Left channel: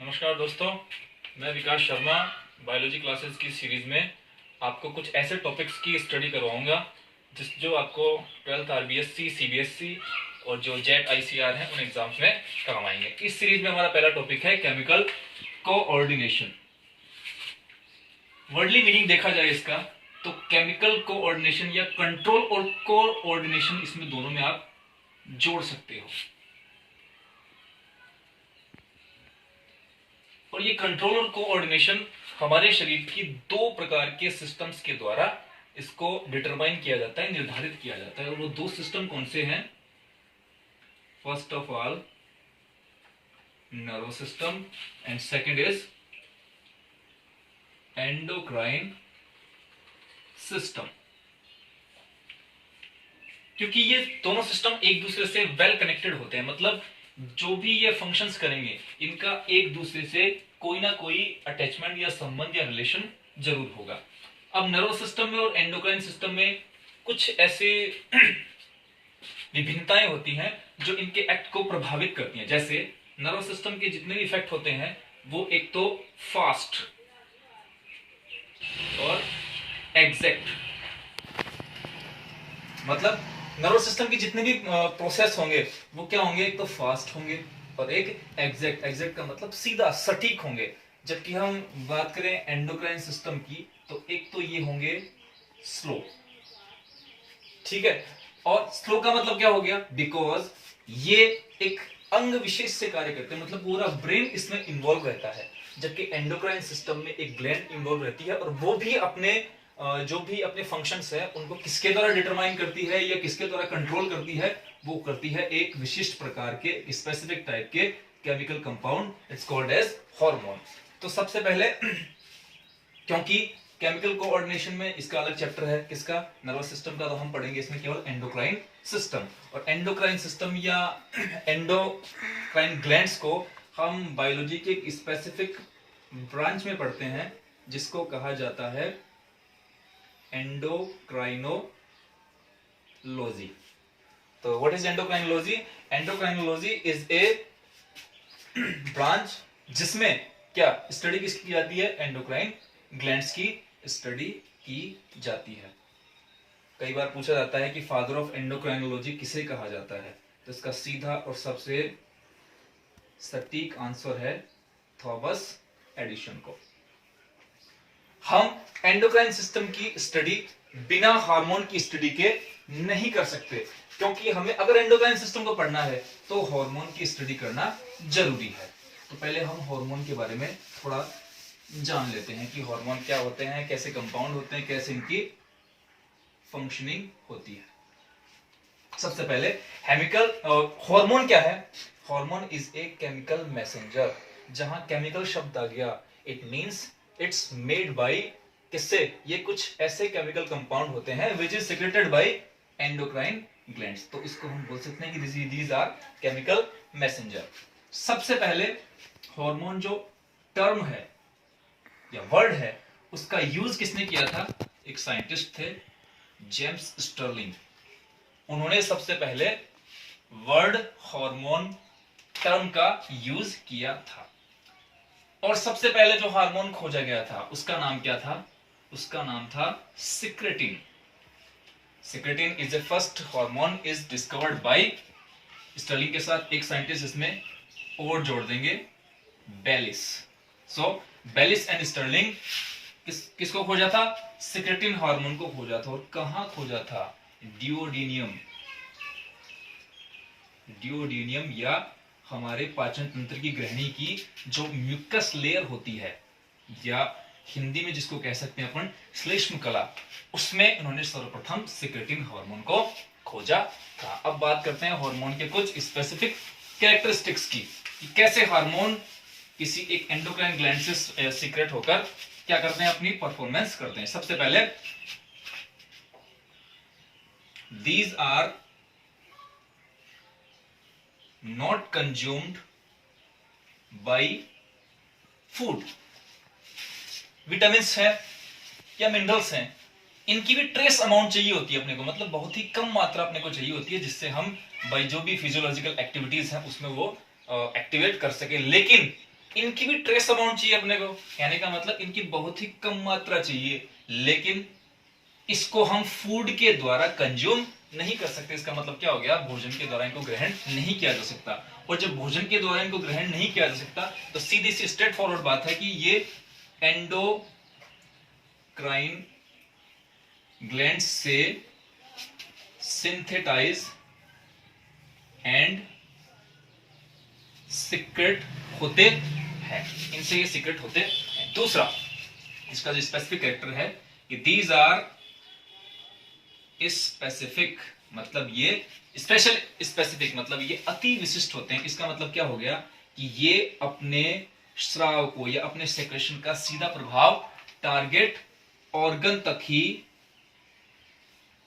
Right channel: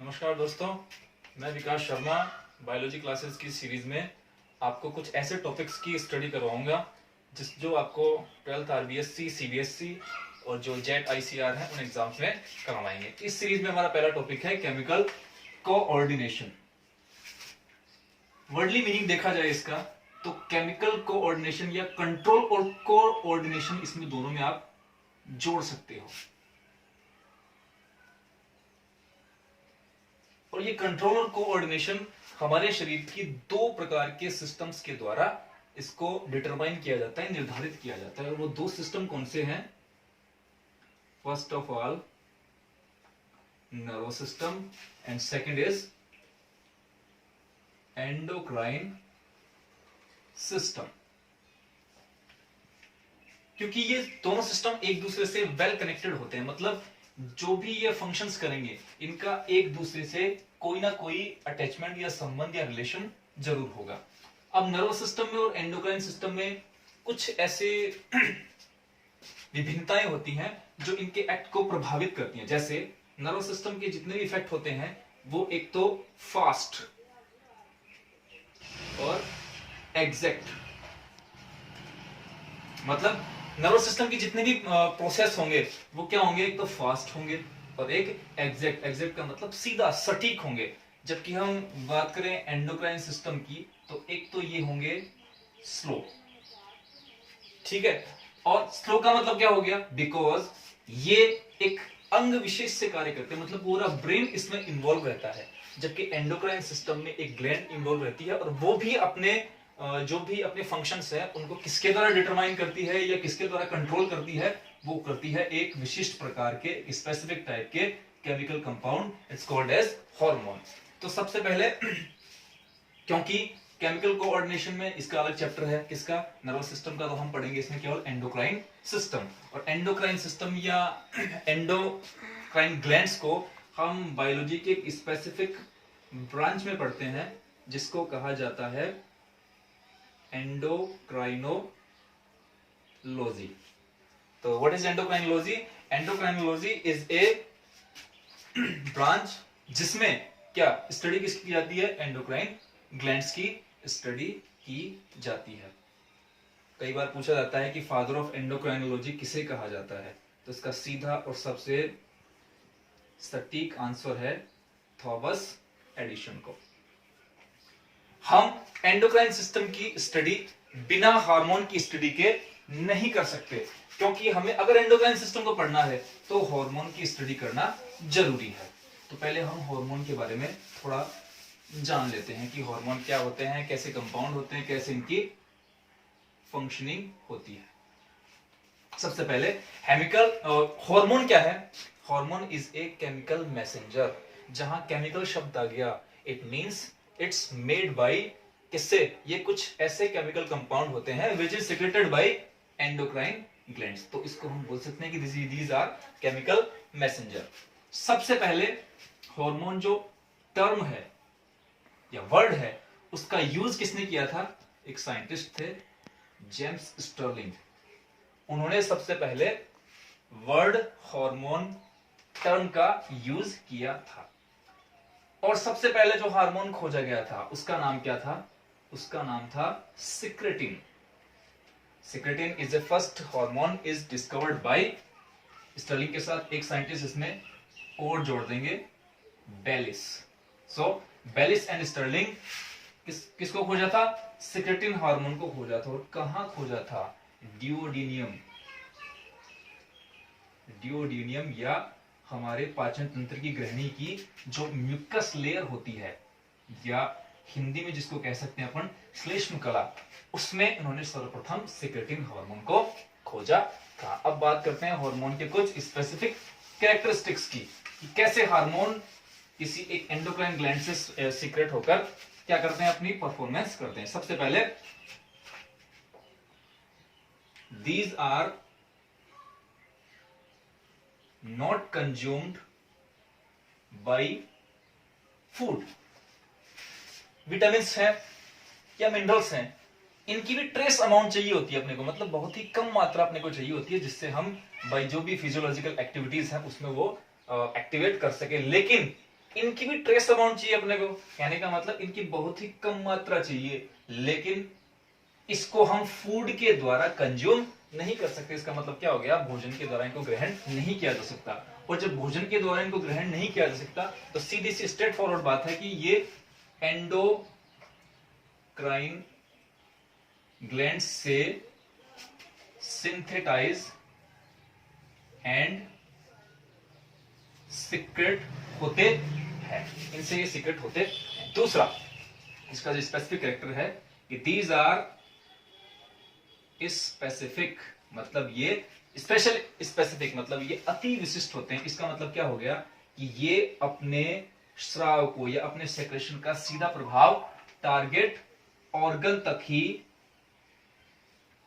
नमस्कार दोस्तों, मैं विकास शर्मा बायोलॉजी क्लासेस की सीरीज में आपको कुछ ऐसे टॉपिक्स की स्टडी करवाऊंगा जो आपको 12th आरबीएससी, सीबीएसई और जो जेट आईसीआर हैं उन एग्जाम्स में काम आएंगे। इस सीरीज में हमारा पहला टॉपिक है केमिकल कोऑर्डिनेशन। वर्डली मीनिंग देखा जाए इसका तो केमिकल कोऑर्डिनेशन या कंट्रोल और कोऑर्डिनेशन, इसमें दोनों में आप जोड़ सकते हो। और ये कंट्रोल और कोऑर्डिनेशन हमारे शरीर की दो प्रकार के सिस्टम्स के द्वारा इसको डिटरमाइन किया जाता है, निर्धारित किया जाता है। और वो दो सिस्टम कौन से हैं? First of all nervous system and second is endocrine system. क्योंकि ये दोनों सिस्टम एक दूसरे से वेल कनेक्टेड होते हैं, मतलब जो भी ये फंक्शंस करेंगे इनका एक दूसरे से कोई ना कोई अटैचमेंट या संबंध या रिलेशन जरूर होगा। अब नर्वस सिस्टम में और एंडोक्राइन सिस्टम में कुछ ऐसे विभिन्नताएं होती हैं जो इनके एक्ट को प्रभावित करती हैं। जैसे नर्वस सिस्टम के जितने भी इफेक्ट होते हैं वो एक तो फास्ट और एग्जैक्ट, मतलब नर्वस सिस्टम की जितने भी प्रोसेस होंगे वो क्या होंगे? एक तो फास्ट होंगे और एक एग्जैक्ट। एग्जैक्ट का मतलब सीधा, सटीक होंगे। जबकि हम बात करें एंडोक्राइन सिस्टम की तो एक तो ये होंगे स्लो, ठीक है। और स्लो का मतलब क्या हो गया? बिकॉज ये एक अंग विशेष से कार्य करते हैं, मतलब पूरा ब्रेन इसमें इन्वॉल्व रहता है। जबकि एंडोक्राइन सिस्टम में एक ग्लैंड इन्वॉल्व रहती है और वो भी अपने जो भी अपने फंक्शंस है उनको किसके द्वारा डिटरमाइन करती है या किसके द्वारा कंट्रोल करती है? वो करती है एक विशिष्ट प्रकार के स्पेसिफिक टाइप के chemical compound, it's called as hormone. तो सबसे पहले क्योंकि केमिकल कोऑर्डिनेशन में इसका अलग चैप्टर है, किसका? नर्वस सिस्टम का, तो हम पढ़ेंगे इसमें केवल एंडोक्राइन सिस्टम। और एंडोक्राइन सिस्टम या एंडोक्राइन ग्लैंड्स को हम बायोलॉजी के एक स्पेसिफिक ब्रांच में पढ़ते हैं जिसको कहा जाता है एंडोक्राइनोलॉजी। तो what is endocrinology? Endocrinology is a branch जिसमें क्या स्टडी किसकी की जाती है? एंडोक्राइन ग्लैंड्स की स्टडी की जाती है। कई बार पूछा जाता है कि फादर ऑफ एंडोक्राइनोलॉजी किसे कहा जाता है, तो इसका सीधा और सबसे सटीक आंसर है थॉमस एडिसन को। हम एंडोक्राइन सिस्टम की स्टडी बिना हार्मोन की स्टडी के नहीं कर सकते, क्योंकि हमें अगर एंडोक्राइन सिस्टम को पढ़ना है तो हार्मोन की स्टडी करना जरूरी है। तो पहले हम हार्मोन के बारे में थोड़ा जान लेते हैं कि हार्मोन क्या होते हैं, कैसे कंपाउंड होते हैं, कैसे इनकी फंक्शनिंग होती है। सबसे पहले हार्मोन क्या है? Hormone is a chemical messenger. जहां केमिकल शब्द आ गया, it means it's made by किससे? ये कुछ ऐसे केमिकल कंपाउंड होते हैं which is secreted by endocrine glands. तो इसको हम बोल सकते हैं कि दीज आर केमिकल मैसेंजर। सबसे पहले हार्मोन जो टर्म है या वर्ड है उसका यूज किसने किया था? एक साइंटिस्ट थे, जेम्स स्टर्लिंग। उन्होंने सबसे पहले वर्ड हार्मोन टर्म का यूज किया था। और सबसे पहले जो हार्मोन खोजा गया था उसका नाम क्या था? उसका नाम था secretin. Secretin is the first hormone is discovered by Starling के साथ एक साइंटिस्ट इसमें और जोड़ देंगे, बेलिस। सो बेलिस एंड स्टर्लिंग किसको खोजा था? सिक्रेटिन हार्मोन को खोजा था। और कहां खोजा था? डिओडिनियम या हमारे पाचन तंत्र की ग्रहणी की जो म्यूकस लेयर होती है, या हिंदी में जिसको कह सकते हैं अपन श्लेष्म कला, उसमें इन्होंने सर्वप्रथम सिक्रेटिन हार्मोन को खोजा था। अब बात करते हैं हार्मोन के कुछ स्पेसिफिक कैरेक्टरिस्टिक्स की, कि कैसे हार्मोन किसी एक एंडोक्राइन ग्लैंड से सीक्रेट होकर क्या करते हैं? अपनी परफॉर्मेंस करते हैं। सबसे पहले these are not consumed by food। Vitamins हैं या मिनरल्स हैं, इनकी भी ट्रेस अमाउंट चाहिए होती है अपने को, मतलब बहुत ही कम मात्रा अपने को चाहिए होती है जिससे हम बाई जो भी फिजियोलॉजिकल एक्टिविटीज हैं उसमें वो एक्टिवेट कर सके। लेकिन इनकी भी ट्रेस अमाउंट चाहिए अपने को, कहने का मतलब इनकी बहुत ही कम मात्रा चाहिए, लेकिन इसको हम फूड के द्वारा कंज्यूम नहीं कर सकते। इसका मतलब क्या हो गया, भोजन के द्वारा इनको ग्रहण नहीं किया जा सकता। और जब भोजन के द्वारा इनको ग्रहण नहीं किया जा सकता तो सीधी सी स्ट्रेट फॉरवर्ड बात है कि ये एंडोक्राइन ग्लैंड से सिंथेटाइज एंड सीक्रेट होते हैं, इनसे ये सीक्रेट होते हैं। दूसरा इसका जो स्पेसिफिक कैरेक्टर है कि दीज आर स्पेसिफिक, मतलब ये स्पेशल स्पेसिफिक, मतलब ये अति विशिष्ट होते हैं। इसका मतलब क्या हो गया कि ये अपने स्राव को या अपने सेक्रेशन का सीधा प्रभाव टारगेट ऑर्गन तक ही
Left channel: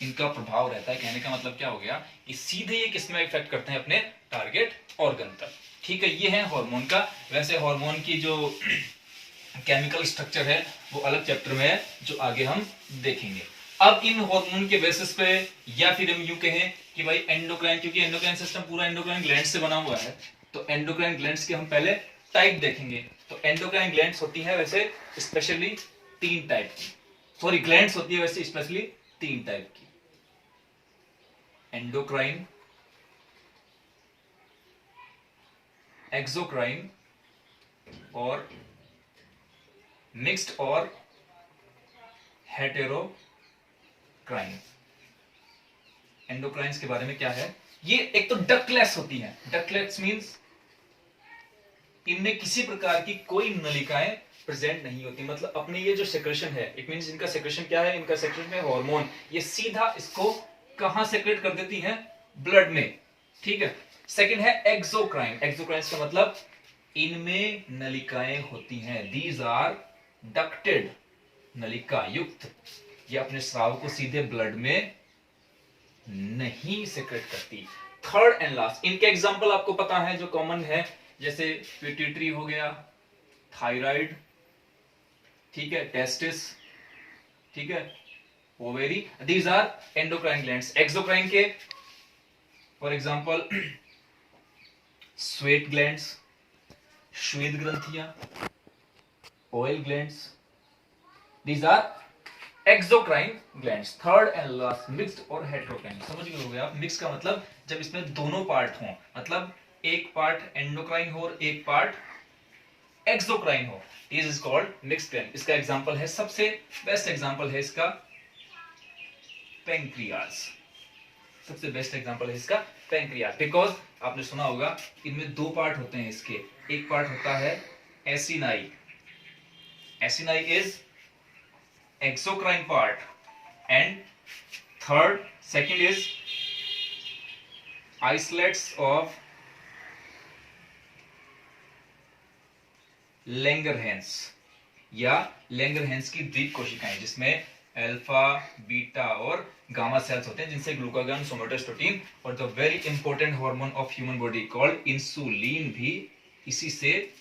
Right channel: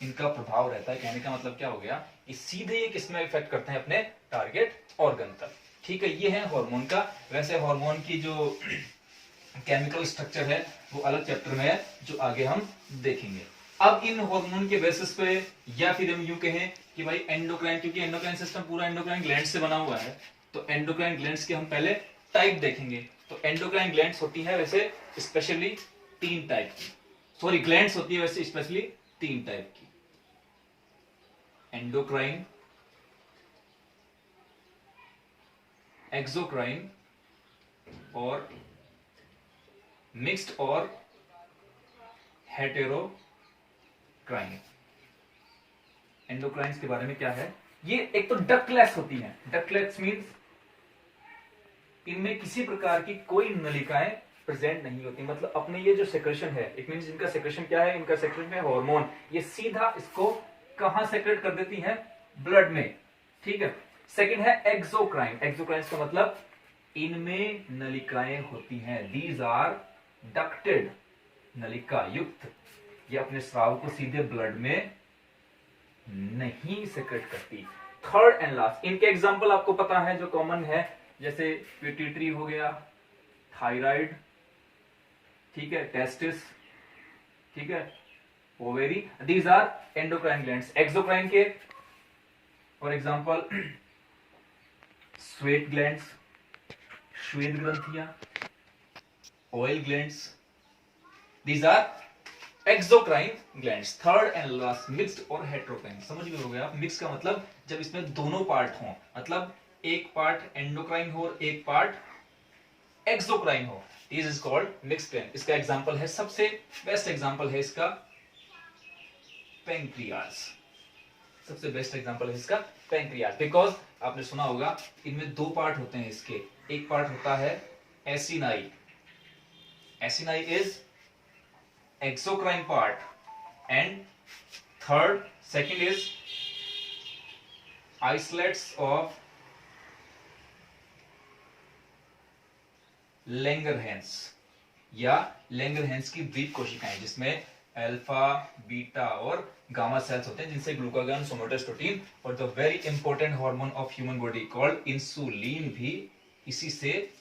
इनका प्रभाव रहता है। कहने का मतलब क्या हो गया कि सीधे ये किसमें इफेक्ट करते हैं, अपने टारगेट ऑर्गन तक। ठीक है, ये है हार्मोन का। वैसे हार्मोन की जो केमिकल स्ट्रक्चर है वो अलग चैप्टर में है जो आगे हम देखेंगे। अब इन हार्मोन के बेसिस पे, या फिर हम यूं कहें कि भाई एंडोक्राइन, क्योंकि एंडोक्राइन सिस्टम पूरा एंडोक्राइन ग्लैंड से बना हुआ है, तो एंडोक्राइन ग्लैंड्स के हम पहले टाइप देखेंगे। तो एंडोक्राइन ग्लैंड्स होती है वैसे स्पेशली 3 टाइप की, सॉरी ग्लैंड्स होती है वैसे स्पेशली 3 टाइप की, एंडोक्राइन, एक्सोक्राइन और मिक्स्ड और हेटेरोक्राइन। एंडोक्राइन्स के बारे में क्या है, ये एक तो डक्टलेस होती है। डक्टलेस मींस इनमें किसी प्रकार की कोई नलिकाएं प्रेजेंट नहीं होती, मतलब अपने ये जो सेक्रेशन है, इट मींस इनका सेक्रेशन क्या है, इनका सेक्रेशन है हार्मोन, ये सीधा इसको कहां सेक्रेट कर देती हैं, ब्लड में। ठीक है। सेकंड है एक्सोक्राइन। एक्सोक्राइन्स का मतलब इनमें नलिकाएं होती हैं, दीज आर डक्टेड, नलिका युक्त, ये अपने स्राव को सीधे ब्लड में नहीं सेक्रेट करती। थर्ड एंड लास्ट, इनके एग्जांपल आपको पता है जो कॉमन है, जैसे पिट्यूटरी हो गया, थायराइड, ठीक है, टेस्टिस, ठीक है, ovary, these are endocrine glands. Exocrine के फॉर एग्जांपल स्वेट ग्लैंड्स, श्वेत ग्रंथियां, oil glands, these are exocrine glands. Third and last mixed और हेटेरोक्राइन। समझ गए होंगे आप, मिक्स का मतलब जब इसमें दोनों पार्ट हों, मतलब एक पार्ट एंडोक्राइन हो और एक पार्ट एक्सोक्राइन हो, this is called mixed gland. इसका एग्जांपल है, सबसे बेस्ट एग्जांपल है इसका पैंक्रियाज। सबसे बेस्ट एग्जांपल है इसका पैंक्रियाज, बिकॉज आपने सुना होगा इनमें 2 पार्ट होते हैं इसके। एक पार्ट होता है acini, acini is exocrine part, and second is islets of Langerhans या लैंगरहैंस की द्वीप कोशिकाएं, जिसमें अल्फा, बीटा और गामा सेल्स होते हैं, जिनसे ग्लूकागॉन, सोमेटोस्टेटिन और the very important hormone of human body called insulin भी इसी से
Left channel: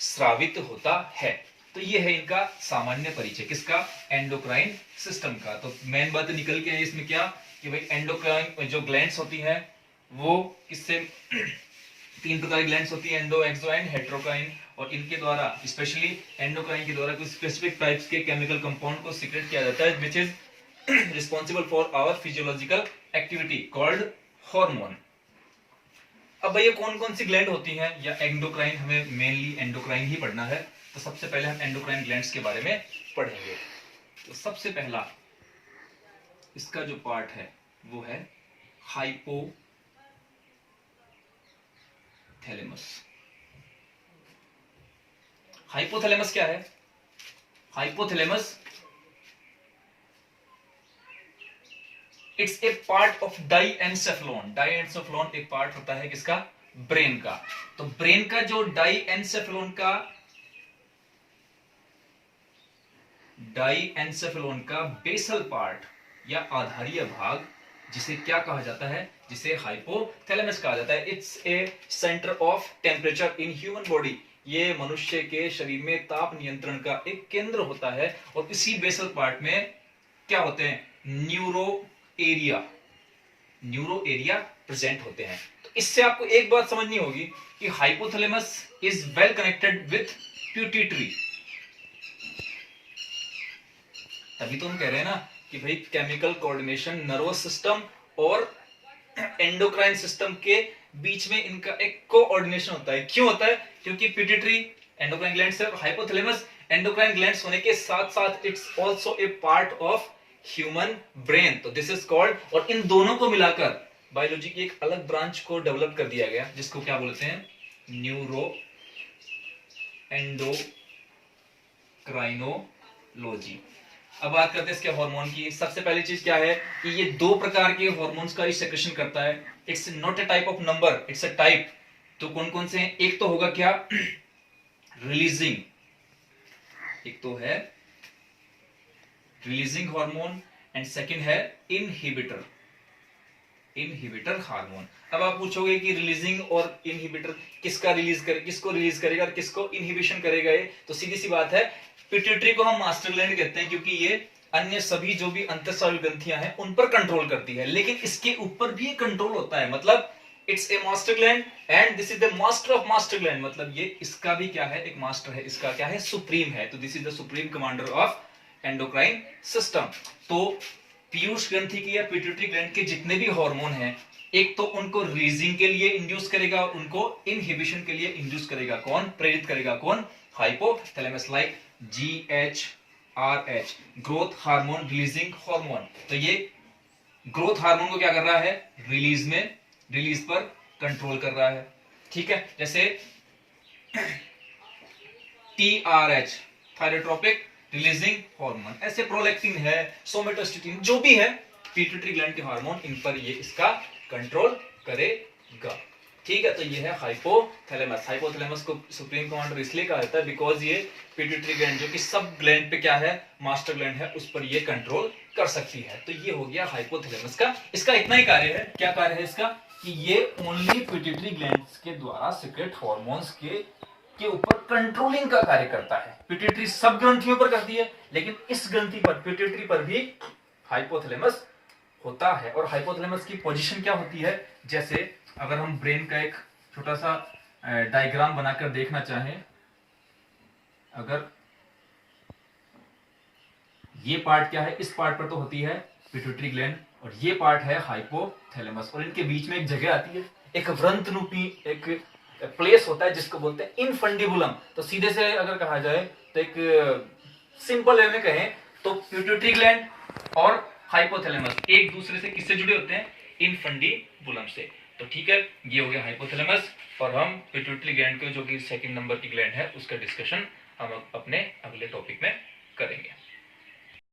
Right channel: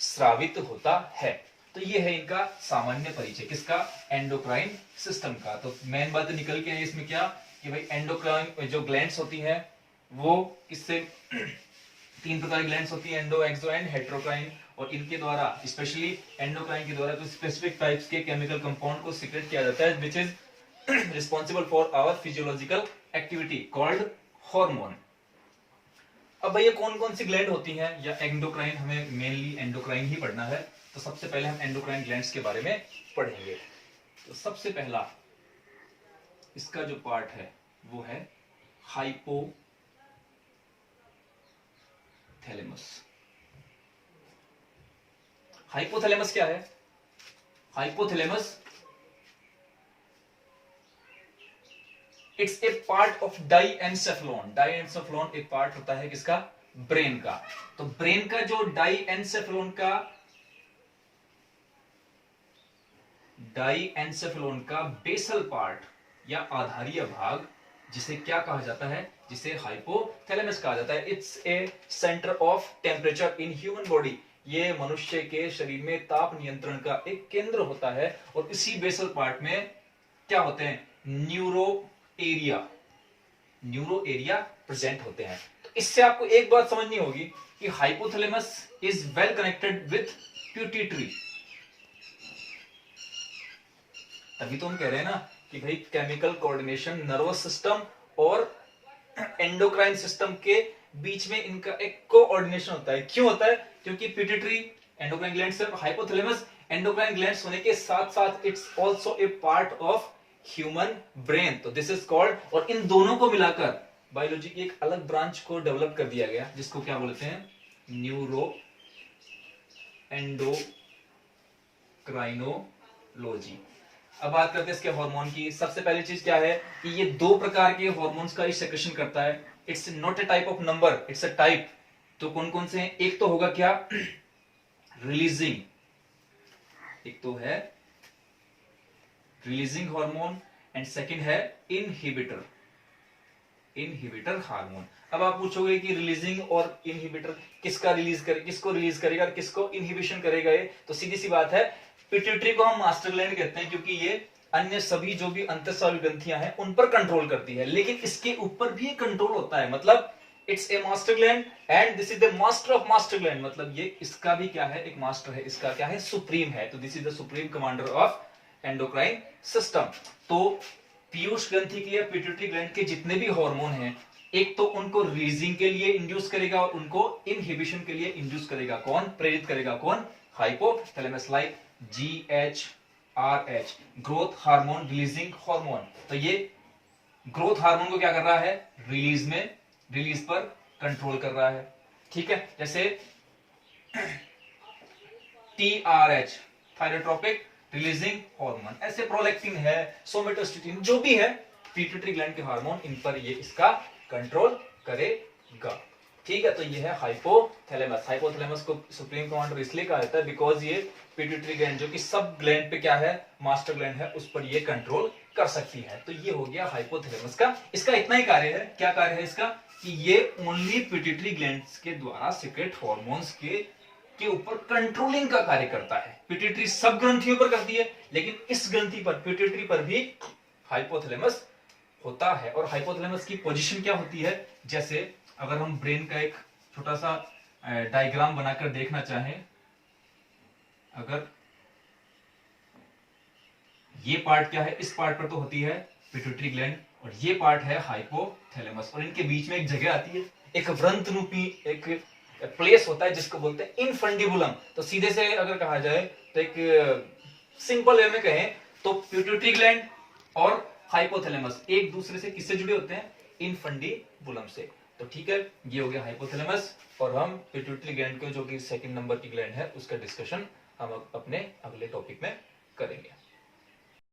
स्रावित होता है। तो ये है इनका सामान्य परिचय, किसका, एंडोक्राइन सिस्टम का। तो मेन बात निकल के है इसमें क्या कि भाई एंडोक्राइन जो ग्लैंड्स होती है वो किससे 3 प्रकार की ग्लैंड्स होती है, एंडो, एक्सो एंड हेटेरोक्राइन, और इनके द्वारा स्पेशली एंडोक्राइन के द्वारा कुछ स्पेसिफिक टाइप्स के केमिकल कंपाउंड को सीक्रेट किया जाता है, which is responsible for our physiological activity called hormone. अब भैया कौन कौन सी ग्लैंड होती हैं, या एंडोक्राइन, हमें मेनली एंडोक्राइन ही पढ़ना है, तो सबसे पहले हम एंडोक्राइन ग्लैंड्स के बारे में पढ़ेंगे। तो सबसे पहला इसका जो पार्ट है वो है हाइपोथैलेमस। हाइपोथैलेमस क्या है, hypothalamus it's a part of diencephalon. Diencephalon एक पार्ट होता है किसका, ब्रेन का। तो ब्रेन का जो डाईएन्सेफेलॉन का बेसल पार्ट या आधारीय भाग, जिसे क्या कहा जाता है, जिसे हाइपोथैलेमस कहा जाता है। It's a centre of temperature in human body, ये मनुष्य के शरीर में ताप नियंत्रण का एक केंद्र होता है। और इसी बेसल पार्ट में क्या होते हैं, न्यूरो एरिया प्रेजेंट होते हैं। तो तो इससे आपको एक बात समझनी होगी कि hypothalamus is well connected with pituitary. तभी तो हम कह रहे हैं ना कि भाई केमिकल कोऑर्डिनेशन नर्वस सिस्टम और एंडोक्राइन सिस्टम के बीच में इनका एक कोऑर्डिनेशन होता है। क्यों होता है? क्योंकि पिट्यूटरी एंडोक्राइन ग्लैंड से और हाइपोथैलेमस एंडोक्राइन ग्लैंड्स होने के साथ साथ it's also a part of human brain. तो दिस इज कॉल्ड, और इन दोनों को मिलाकर बायोलॉजी की एक अलग ब्रांच को डेवलप कर दिया गया जिसको क्या बोलते हैं? Neuro endocrinology. अब बात करते हैं इसके हार्मोन की। सबसे पहली चीज क्या है कि ये दो प्रकार के हार्मोन्स का सेक्रेशन करता है। It's not a type of number, it's a type. तो कौन कौन से हैं? एक तो होगा क्या? रिलीजिंग, एक तो है रिलीजिंग हार्मोन एंड सेकंड है इनहिबिटर, इनहिबिटर हार्मोन। अब आप पूछोगे कि रिलीजिंग और इनहिबिटर किसका रिलीज करे, किसको रिलीज करेगा और किसको इनहिबिशन करेगा? ये तो सीधी सी बात है, पिट्यूटरी को हम मास्टर ग्लैंड कहते हैं क्योंकि ये अन्य सभी जो भी अंतःस्रावी ग्रंथियां हैं उन पर कंट्रोल करती है, लेकिन इसके ऊपर भी कंट्रोल होता है। मतलब it's a master gland and this is the master of master gland. मतलब ये इसका भी क्या है? एक मास्टर है, इसका क्या है? सुप्रीम है। तो this is the supreme commander of endocrine system. तो पीयूष ग्रंथि के या पिट्यूटरी ग्लैंड के जितने भी हार्मोन हैं, एक तो उनको रिलीजिंग के लिए इंड्यूस करेगा और उनको इनहिबिशन के लिए इंड्यूस करेगा। कौन? प्रेरित करेगा। कौन? Hypothalamus, like GHRH, growth hormone releasing hormone. तो ये ग्रोथ हार्मोन को क्या कर रहा है? रिलीज पर कंट्रोल कर रहा है। ठीक है, जैसे TRH, थायरोट्रोपिक रिलीजिंग हार्मोन। ऐसे प्रोलैक्टिन है, सोमेटोस्टेटिन, जो भी है पिट्यूटरी ग्लैंड के हार्मोन, इन पर ये इसका कंट्रोल करेगा। ठीक है, तो ये है हाइपोथैलेमस। हाइपोथैलेमस को सुप्रीम कमांडर इसलिए कहा जाता है बिकॉज ये पिट्यूटरी ग्लैंड जो कि सब ग्लैंड पे क्या है? मास्टर ग्लैंड है, उस पर ये कंट्रोल कर सकती है। तो ये हो गया हाइपोथैलेमस का। इसका इतना ही कार्य है। क्या कार्य है इसका? कि ये ओनली पिट्यूटरी ग्लैंड्स के द्वारा सीक्रेट हार्मोन्स के ऊपर कंट्रोलिंग का कार्य करता है। पिट्यूटरी सब ग्रंथियों पर करती है, लेकिन इस ग्रंथि पर, पिट्यूटरी पर भी हाइपोथैलेमस होता है। और हाइपोथैलेमस की पोजीशन क्या होती है? जैसे अगर हम ब्रेन का एक छोटा सा डायग्राम बनाकर देखना चाहें, अगर ये पार्ट क्या है? इस पार्ट पर तो होती है पिट्यूटरी ग्लैंड और ये पार्ट है हाइपोथैलेमस, और इनके बीच में एक जगह आती है, एक वृंत रूपी एक प्लेस होता है जिसको बोलते हैं इनफंडिबुलम। तो सीधे से अगर कहा जाए तो एक सिंपल वे में कहें तो पिट्यूटरी ग्लैंड और हाइपोथैलेमस एक दूसरे से किससे जुड़े होते हैं? इनफंडिबुलम से। तो ठीक है, ये हो गया हाइपोथैलेमस। और हम पिट्यूटरी ग्लैंड के जो कि सेकंड नंबर की ग्लैंड है उसका डिस्कशन हम अपने अगले टॉपिक में